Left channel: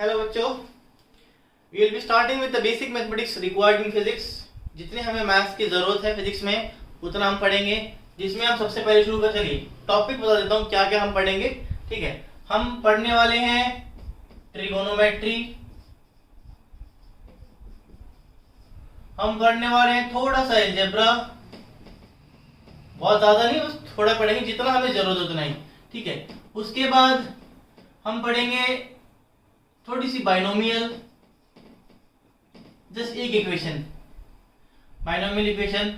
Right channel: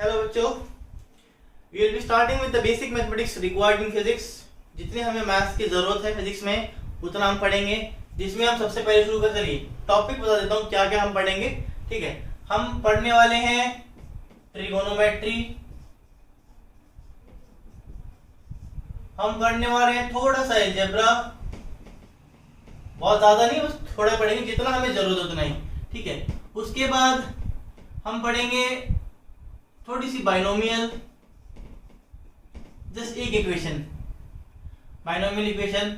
Hello बच्चों, we will be starting with the basic mathematics required in physics. जितने हमें maths की जरूरत है फिजिक्स में उतना हम पढ़ेंगे। जिसमें हम सबसे पहले शुरू कर चलिए टॉपिक बता देता हूँ क्या क्या हम पढ़ेंगे। ठीक है, हम पढ़ने वाले हैं ट्रिगोनोमेट्री, हम पढ़ने वाले हैं थोड़ा सा अलजेब्रा, बहुत ज्यादा नहीं, बस थोड़ा पढ़ेंगे, जितना हमें जरूरत है उतना ही। ठीक है, उसके बाद हम पढ़ेंगे थोड़ी सी बाइनोमियल, जस्ट एक इक्वेशन, बाइनोमियल इक्वेशन।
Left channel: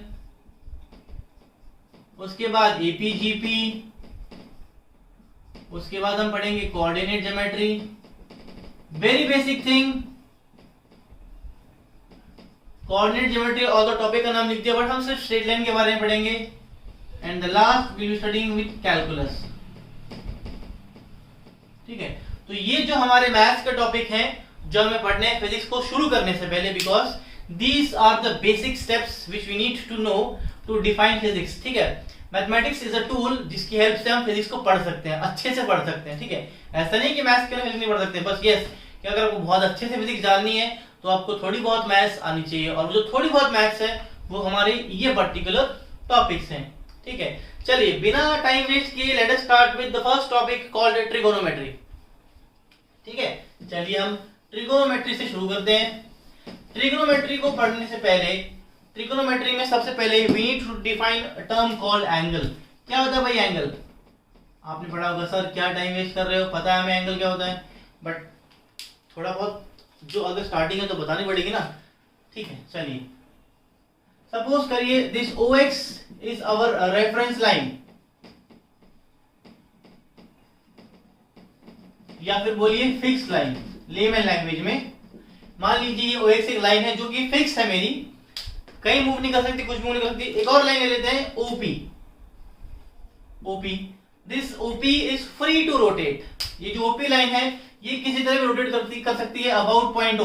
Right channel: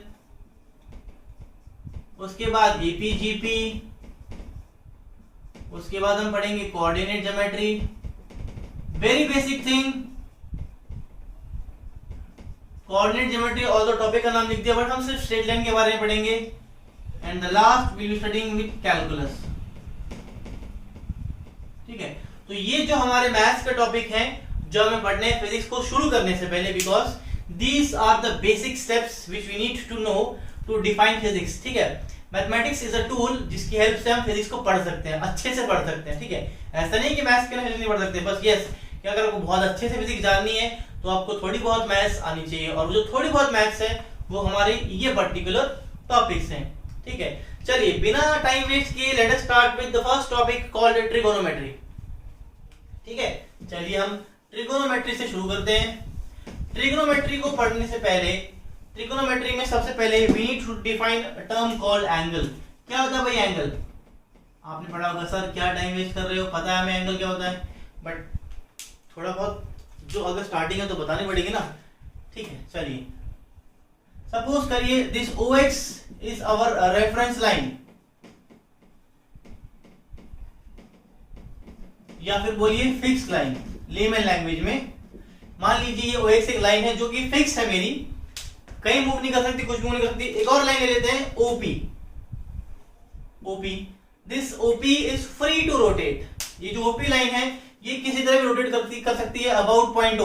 उसके बाद एपीजीपी, उसके बाद हम पढ़ेंगे coordinate geometry, very basic thing coordinate geometry. और तो टॉपिक का नाम लिख दिया, बट हम सिर्फ स्ट्रेट लाइन के बारे में पढ़ेंगे। And the last will be studying with calculus. ठीक है, तो ये जो हमारे मैथ्स के टॉपिक हैं जो हमें पढ़ने हैं फिजिक्स को शुरू करने से पहले, because these are the basic steps which we need to know to define physics. ठीक है, मैथमेटिक्स इज अ टूल जिसकी हेल्प से हम फिजिक्स को पढ़ सकते हैं, अच्छे से पढ़ सकते हैं। ठीक है, ऐसा नहीं कि मैथ्स के लिए फिजिक्स नहीं पढ़ सकते, बस यस कि अगर आपको बहुत अच्छे से फिजिक्स जाननी है तो आपको थोड़ी बहुत मैथ्स आनी चाहिए, और वो जो थोड़ी बहुत मैथ्स है वो हमारे ये पर्टिकुलर टॉपिक्स हैं। ठीक है, चलिए बिना टाइम वेस्ट किए let us start with the first topic called trigonometry. ठीक है, चलिए हम ट्रिगोनोमेट्री से शुरू करते हैं। ट्रिगोनोमेट्री को पढ़ने से पहले, ट्रिगोनोमेट्री में सबसे पहले we need to define a term called angle. क्या होता है भाई एंगल? आपने पढ़ा होगा सर क्या टाइम वेस्ट कर रहे हो, पता है हमें एंगल क्या होता है, बट थोड़ा बहुत जो अगर स्टार्टिंग है तो बतानी पड़ेगी ना। ठीक है, चलिए सपोज करिए this OX is our reference line, या फिर बोलिए फिक्स लाइन लेमन लैंग्वेज में। मान लीजिए ये OX एक लाइन है जो कि फिक्स है मेरी, कहीं मूव नहीं कर सकती, कुछ मूव नहीं कर सकती। एक और लाइन ले लेते हैं OP this OP is free to rotate. ये जो OP लाइन है ये किसी तरह भी रोटेट कर सकती है about point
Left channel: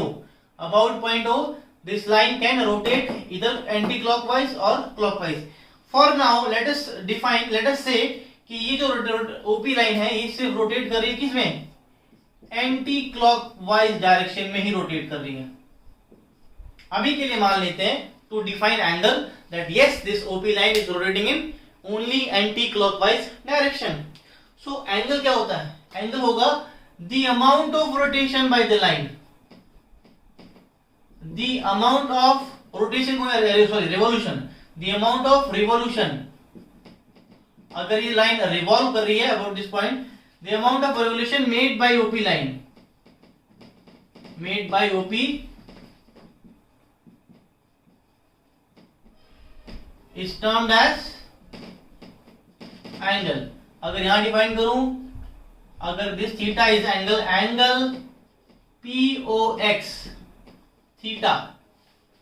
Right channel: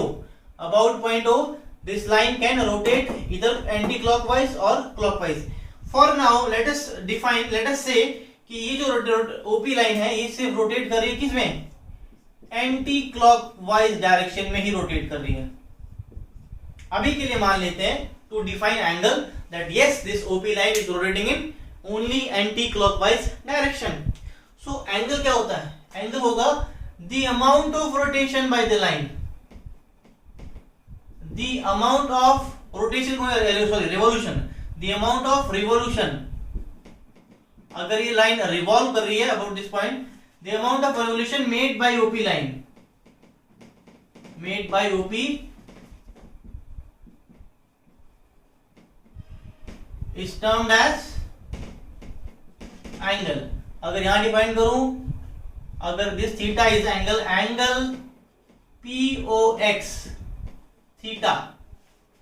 O this line can rotate इधर एंटी क्लॉकवाइज और clockwise. For now let us से कि ये जो OP लाइन है ये सिर्फ रोटेट कर रही है किसमें, एंटी क्लॉकवाइज डायरेक्शन में ही रोटेट कर रही है। अभी के लिए मान लेते हैं to define angle that yes this OP line is rotating in only anti clockwise direction. So angle क्या होता है? एंगल होगा the amount of rotation by the line, the amount of rotation, sorry revolution, the amount of revolution. अगर ये line revolve कर रही है about this point, the amount of revolution made by OP line, made by OP is termed as angle। अगर यहां define करूं, अगर this theta is angle POX, theta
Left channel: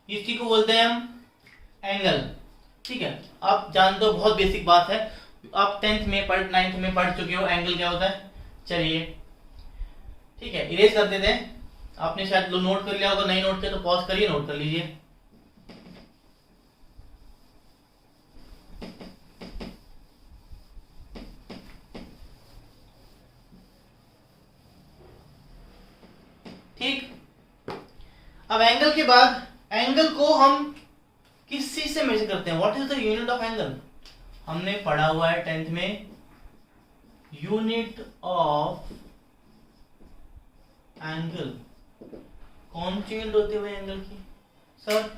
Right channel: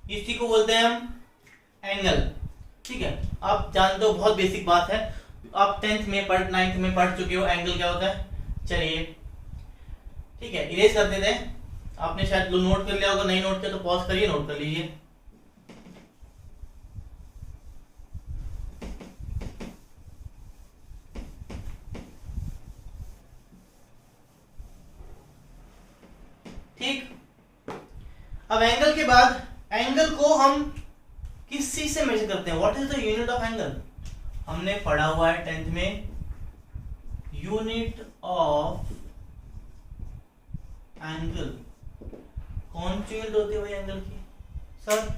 इसी को बोलते हैं हम एंगल। ठीक है, आप जानते हो बहुत बेसिक बात है, आप 10th में 9th में पढ़ चुके हो एंगल क्या होता है। चलिए ठीक है, इरेज कर देते हैं। आपने शायद नोट कर लिया होगा, नहीं नोट किया तो पॉज करिए, नोट कर लीजिए। ठीक, अब एंगल के बाद एंगल को हम किस चीज से मेजर करते हैं? What is the unit of angle? हमने पढ़ा हुआ है 10th में, यूनिट ऑफ एंगल। कौन सी यूनिट होती है भाई एंगल की? सर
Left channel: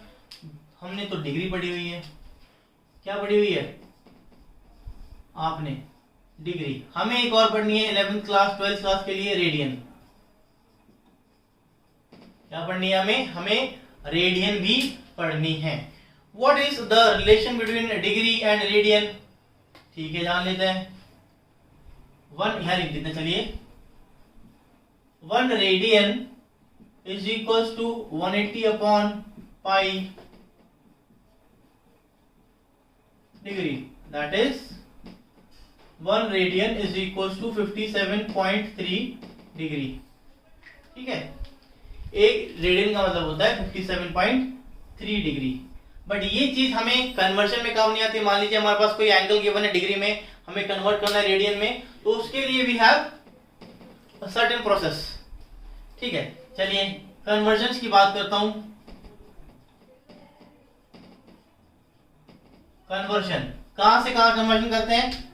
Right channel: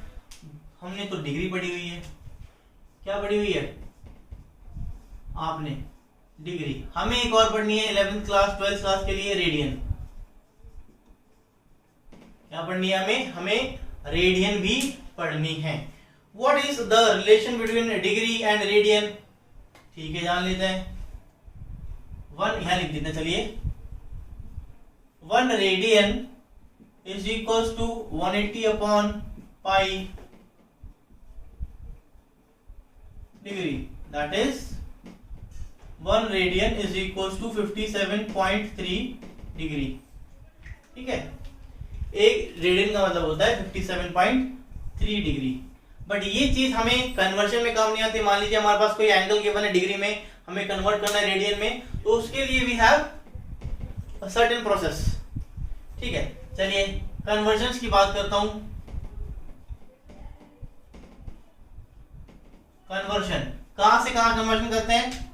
हमने तो डिग्री पढ़ी हुई है। क्या पढ़ी हुई है आपने? डिग्री। हमें एक और पढ़नी है 11th क्लास 12th क्लास के लिए, रेडियन। क्या पढ़नी है हमें रेडियन भी पढ़नी है। What is the relation between degree and radian? ठीक है, जान लेते हैं। वन यहां लिख देते हैं, चलिए 1 radian is equal to 180 upon pi degree, that is 1 radian is equal to 57.3 degree. ठीक है, एक रेडियन का मतलब होता है 57.3 डिग्री। बट ये चीज हमें कन्वर्शन में काम नहीं आती। मान लीजिए हमारे पास कोई एंगल गिवन है डिग्री में, हमें कन्वर्ट करना है रेडियन में, तो उसके लिए we have a certain process. ठीक है, चलिए कन्वर्जन की बात करता हूं। कन्वर्जन कहां से कहां कन्वर्जन करते हैं?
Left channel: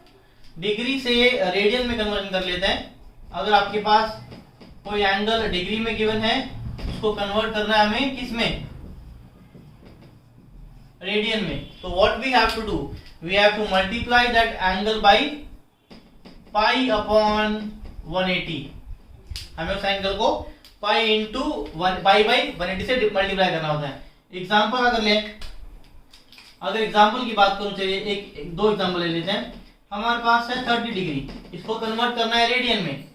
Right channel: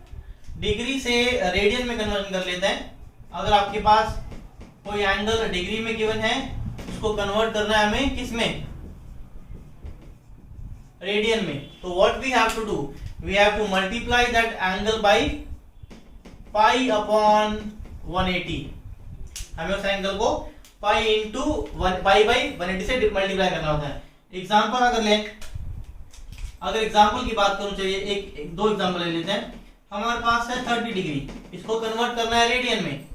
डिग्री से रेडियन में कन्वर्जन कर लेते हैं। अगर आपके पास कोई एंगल डिग्री में गिवन है, उसको कन्वर्ट करना है हमें किस में? रेडियन में। तो what we have to do, we have to multiply that angle by pi upon 180। हमें उस एंगल को पाई इंटू पाई बाई 180 से मल्टीप्लाई करना होता है। एग्जांपल अगर लें, अगर एग्जांपल की बात करूं, चलिए एक दो एग्जांपल ले लेते हैं। हमारे पास है 30 डिग्री, इसको कन्वर्ट करना है रेडियन में।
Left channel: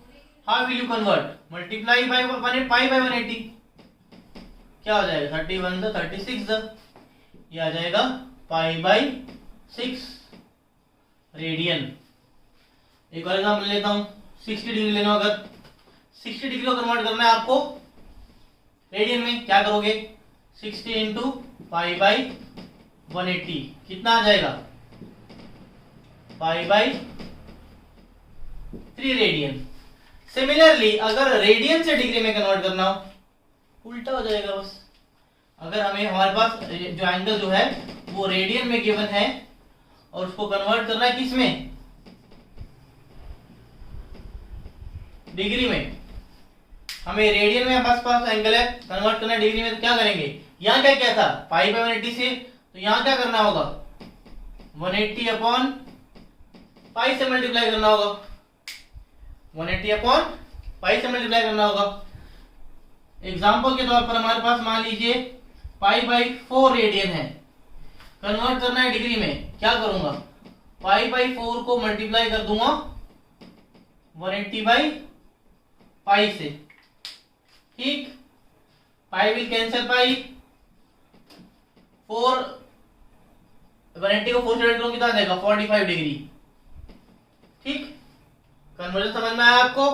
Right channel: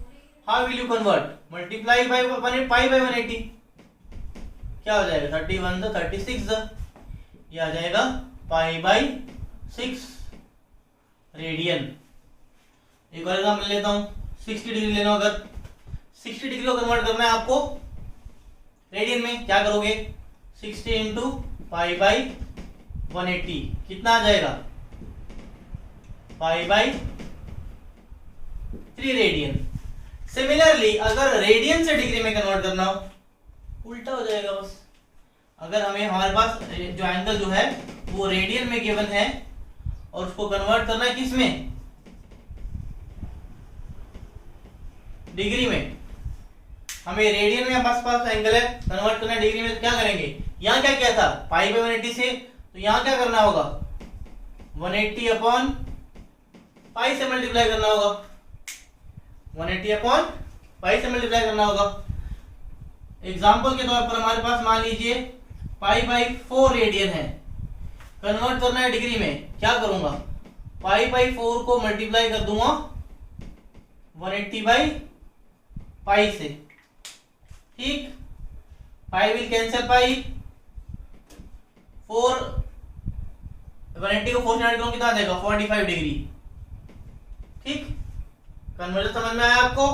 How will you convert? Multiply by pi by 180। क्या हो जाएगा? 31 द 36 द, ये आ जाएगा पाई बाय 6 रेडियन। एक और एग्जांपल ले लेता हूं, 60 डिग्री लेना। अगर 60 डिग्री को कन्वर्ट करना है आपको रेडियन में, क्या करोगे? 60 इंटू पाई बाई 180, कितना आ जाएगा? Pi by 3 radian. सिमिलरली अगर रेडियन से डिग्री में कन्वर्ट करना हो, उल्टा हो जाएगा बस। अगर हमें हमारे पास जो एंगल जो है वो रेडियन में गिवन है और उसको कन्वर्ट करना है किस में? डिग्री में। हमें रेडियन में हमारे पास एंगल है, कन्वर्ट करना है डिग्री में, तो क्या करेंगे? यहां क्या किया था? पाई बाय 180 से, तो यहां क्या करना होगा? 180 अपॉन पाई से मल्टीप्लाई करना होगा। 180 अपॉन पाई से मल्टीप्लाई करना होगा। एग्जांपल के तौर पर हमारे पास मान लीजिए पाई बाई 4 रेडियन है, कन्वर्ट करना है डिग्री में, क्या करूंगा? पाई बाई 4 को मल्टीप्लाई कर दूंगा 180 बाई पाई से, ठीक। पाई विल कैंसिल पाई, 4 180 को 4 से ऐड करूं, कितना आ जाएगा? 45 डिग्री, ठीक। कन्वर्जन समझ में आया आपको?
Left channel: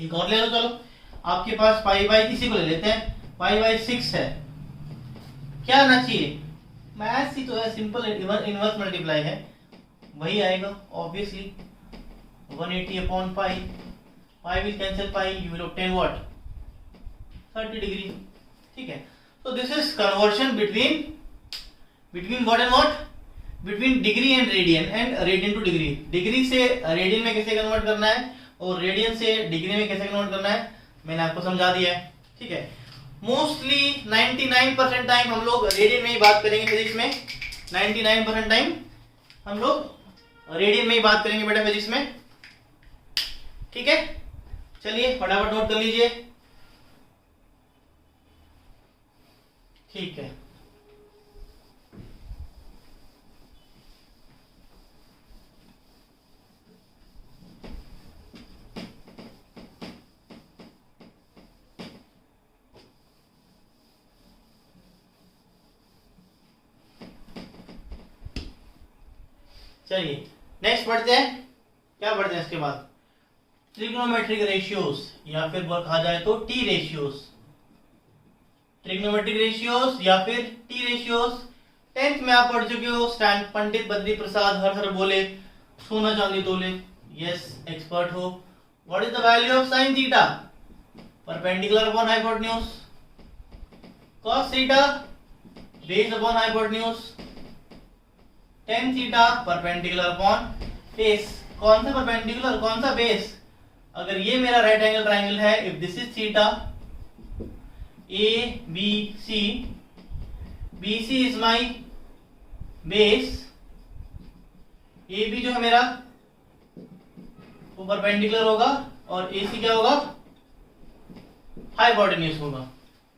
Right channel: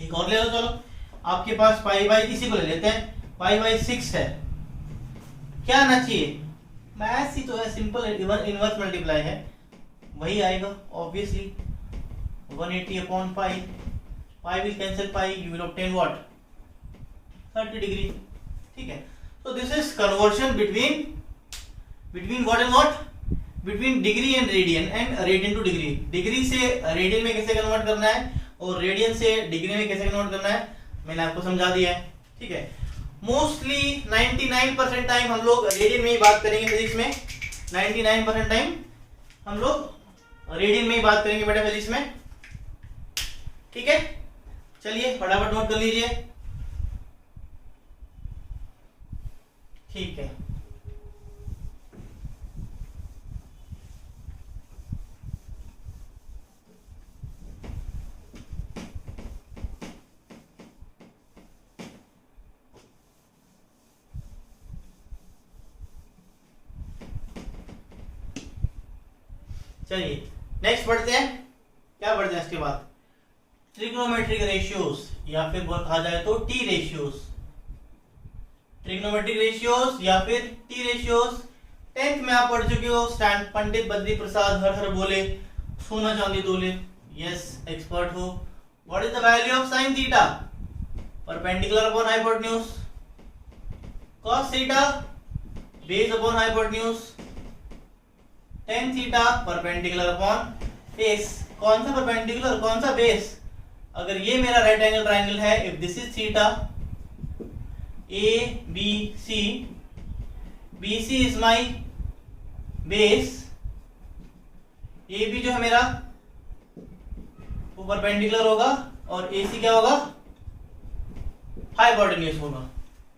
एक और ले लो, चलो आपके पास पाई बाई, किसी को ले लेते हैं, पाई बाई 6 है। क्या आना चाहिए? मैथ्स ही तो है, सिंपल इनवर्स मल्टीप्लाई है, वही आएगा obviously. 180 upon pi, pi will cancel pi, you will obtain what? 30 degree, ठीक है। So this is conversion between what and what? Between degree and radian to degree. Degree से radian में कैसे convert करना है और रेडियन से डिग्री में कैसे कन्वर्ट करना है, मैंने आपको समझा दिया है, ठीक है। मोस्टली 99% टाइम हम लोग रेडियन में ही बात करेंगे फिजिक्स में। 99% टाइम हम लोग रेडियन में ही बात करेंगे बेटा फिजिक्स में, ठीक है। चलिए फटाफट नोट कर लीजिए, ठीक है। चलिए नेक्स्ट पढ़ते हैं। क्या पढ़ते हैं इसके बाद? ट्रिग्नोमेट्रिक रेशियोज, या फिर कहा जाए तो टी रेशियोज। ट्रिग्नोमेट्रिक रेशियोज या फिर टी रेशियोज 10th में आप पढ़ चुके हो। स्टैंड पंडित बद्री प्रसाद हर हर बोले, सोना चांदी तोले, यस एक्सपर्ट हो। What is the value of sine theta? Perpendicular upon hypotenuse. Cos theta base upon hypotenuse. tan theta perpendicular upon base. कौन सा परपेंडिकुलर, कौन सा बेस? अगर ये मेरा राइट एंगल ट्राइंगल है, if this is theta, A B C, B C is my base, A B जो है मेरा वो परपेंडिकुलर होगा और ए सी क्या होगा? हाइपोटेन्यूज होगा,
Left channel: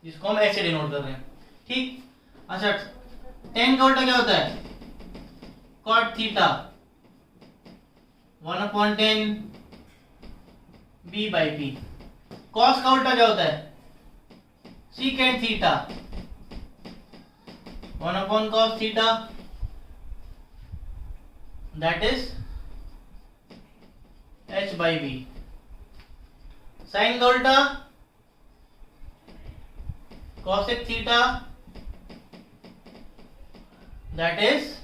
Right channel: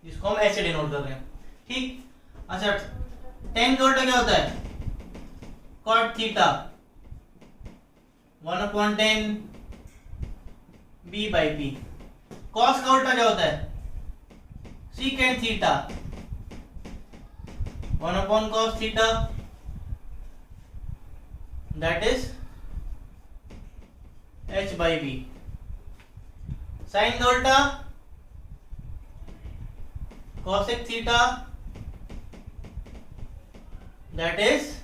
जिसको हम ऐसे डिनोट कर रहे हैं, ठीक। अच्छा, tan का उल्टा क्या होता है? cot theta 1/10 b by p। cos का उल्टा क्या होता है? secant theta 1/cos theta, that is h by b। sin का उल्टा cosec theta, that is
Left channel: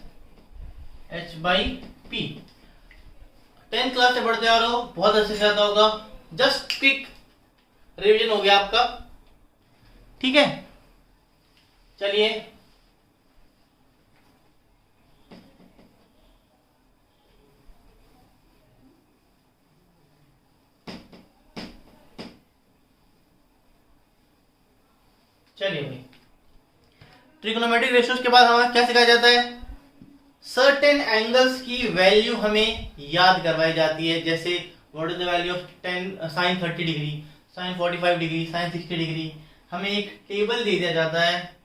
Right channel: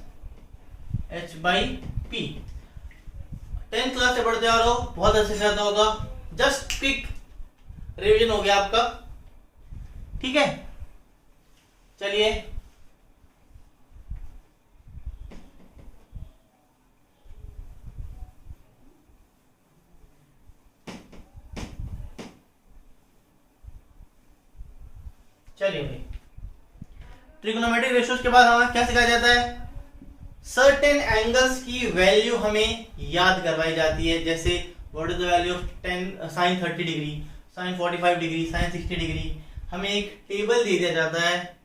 h by p। 10th class से पढ़ते आ रहे हो, बहुत अच्छे से आता होगा। जस्ट क्विक रिवीजन हो गया आपका, ठीक है। चलिए भाई, ट्रिग्नोमेट्रिक रेशियोज के बाद हमें क्या सिखाया जाता है, सर्टेन एंगल्स की वैल्यू हमें याद करवाई जाती है। जैसे what is the value of sin 30 degree, sin 45 degree, sin 60 degree, हमें एक टेबल दे दिया जाता है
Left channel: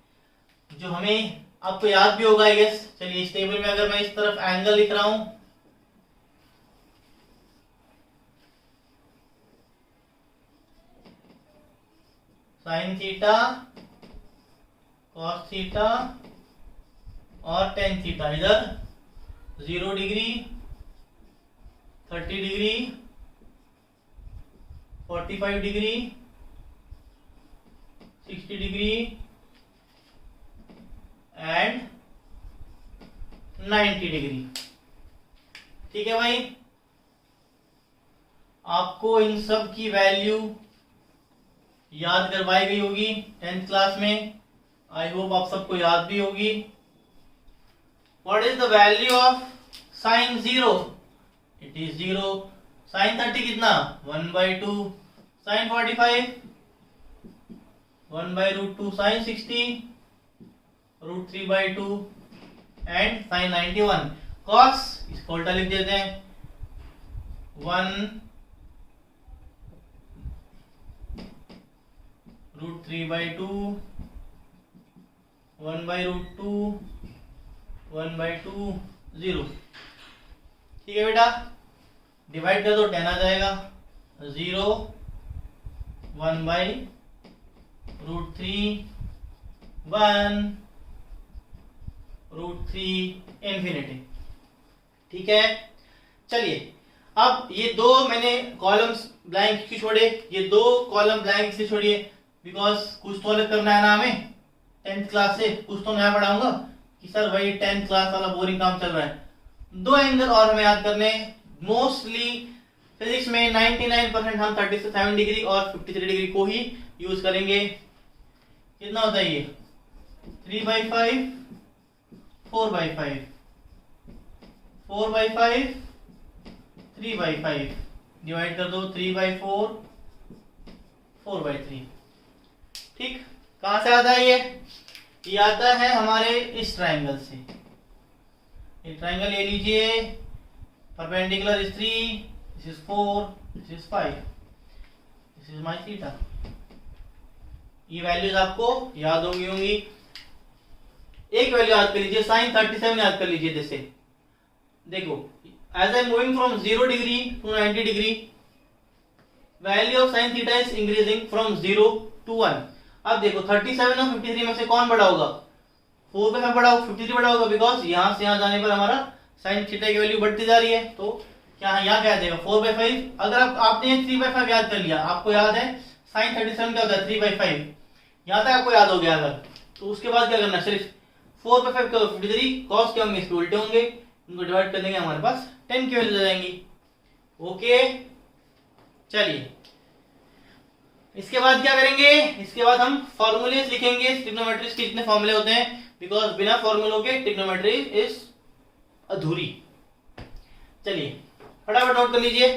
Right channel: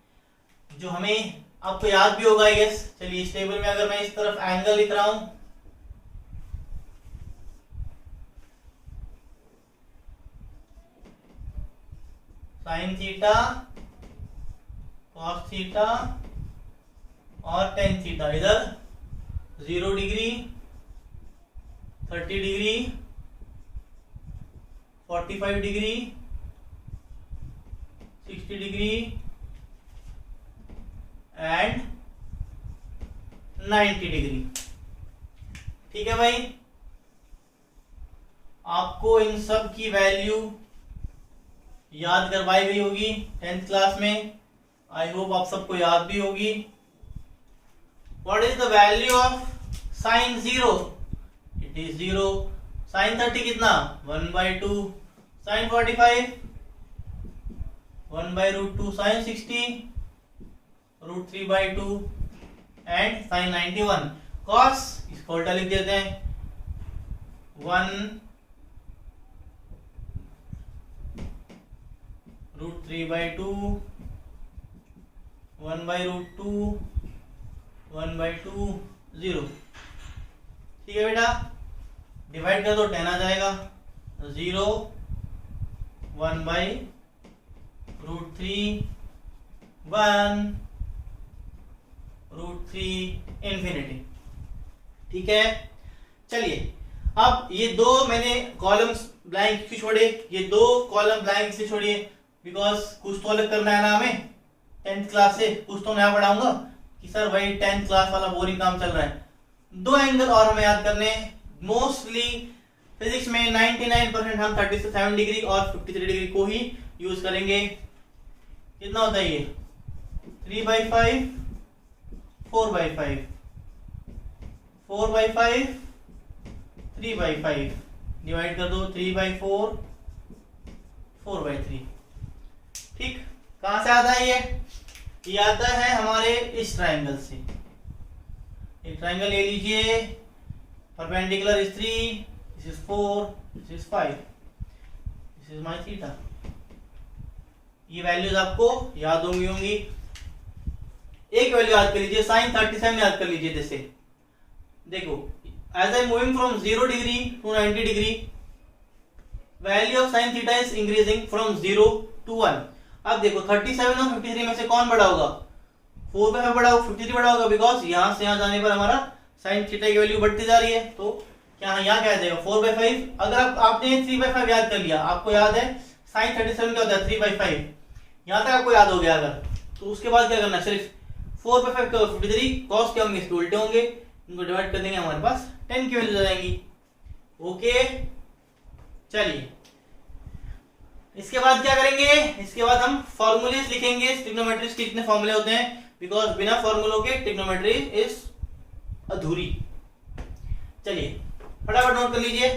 जो हमें आपको याद भी होगा आई गेस। चलिए इस टेबल में अगर मैं इस तरफ एंगल लिख रहा हूं, sin थीटा, cos थीटा और tan थीटा, इधर 0 degree, 30 degree, 45 degree, 60 degree and 90 degree, ठीक है भाई। आपको इन सब की वैल्यू याद करवाई गई होगी 10th क्लास में, आई होप आप सबको याद भी होगी। What is the value of sin 0? It is 0। sin 30 कितना, 1/2, sin 45 1/√2, sin 60 √3/2 and sin 91। cos इसको उल्टा लिख देते हैं, 1√3/2 1/√2 1/2 0, ठीक है बेटा। डिवाइड कर दो 10 आ जाएगा, 0 1/√3 1√3 इंफिनिटी, ठीक है। चलिए अब ये दो मैंने कॉलम्स ब्लैंक क्यों छोड़े, ये दो कॉलम ब्लैंक से छोड़िए बिकॉज कुछ तो अलग करना है ना हमें 10th क्लास से, कुछ तो नया पढ़ाऊंगा कि सर वही 10th क्लास वाला बोरिंग काम चल रहा है। दो एंगल और हमें याद करने, मोस्टली फिजिक्स में 99% हम 37 डिग्री और 53 डिग्री को ही यूज करेंगे। कितना होता है ये, 3/5 4/5 4/5 3/5, डिवाइड कर दो 3/4 4/3, ठीक। कहां से आता है ये आता है हमारे इस ट्राइंगल से। एक ट्राइंगल ले लीजिए, perpendicular is 3, this is 4, this is 5, this is my theta. ये वैल्यूज आपको याद होंगी। एक वैल्यू याद कर लीजिए, sin 37 याद कर लीजिए। जैसे देखो, as I moving from 0 degree to 90 degree, value of sin theta is increasing from 0 to 1। अब देखो 37 और 53 में से कौन बड़ा होगा, 4/5 बड़ा होगा, 53 बड़ा होगा, बिकॉज यहां से यहां जाने पर हमारा sin थीटा की वैल्यू बढ़ती जा रही है। तो क्या यहाँ क्या देगा 4/5। अगर आपने 3/5 याद कर लिया, आपको याद है sin 37 क्या होता है 3/5, यहाँ तक आपको याद हो गया अगर, तो उसके बाद क्या करना, सिर्फ 4/5 का 53 cos के होंगे इसके उल्टे होंगे, इनको डिवाइड कर देंगे, हमारे पास 10 की वैल्यू आ जाएंगी। ओके चलिए इसके बाद क्या करेंगे, इसके बाद हम फॉर्मूलेस लिखेंगे। ट्रिग्नोमेट्री के कितने फॉर्मूले होते हैं, बिकॉज बिना फॉर्मूलों के ट्रिग्नोमेट्री इज अधूरी। चलिए फटाफट नोट कर लीजिए।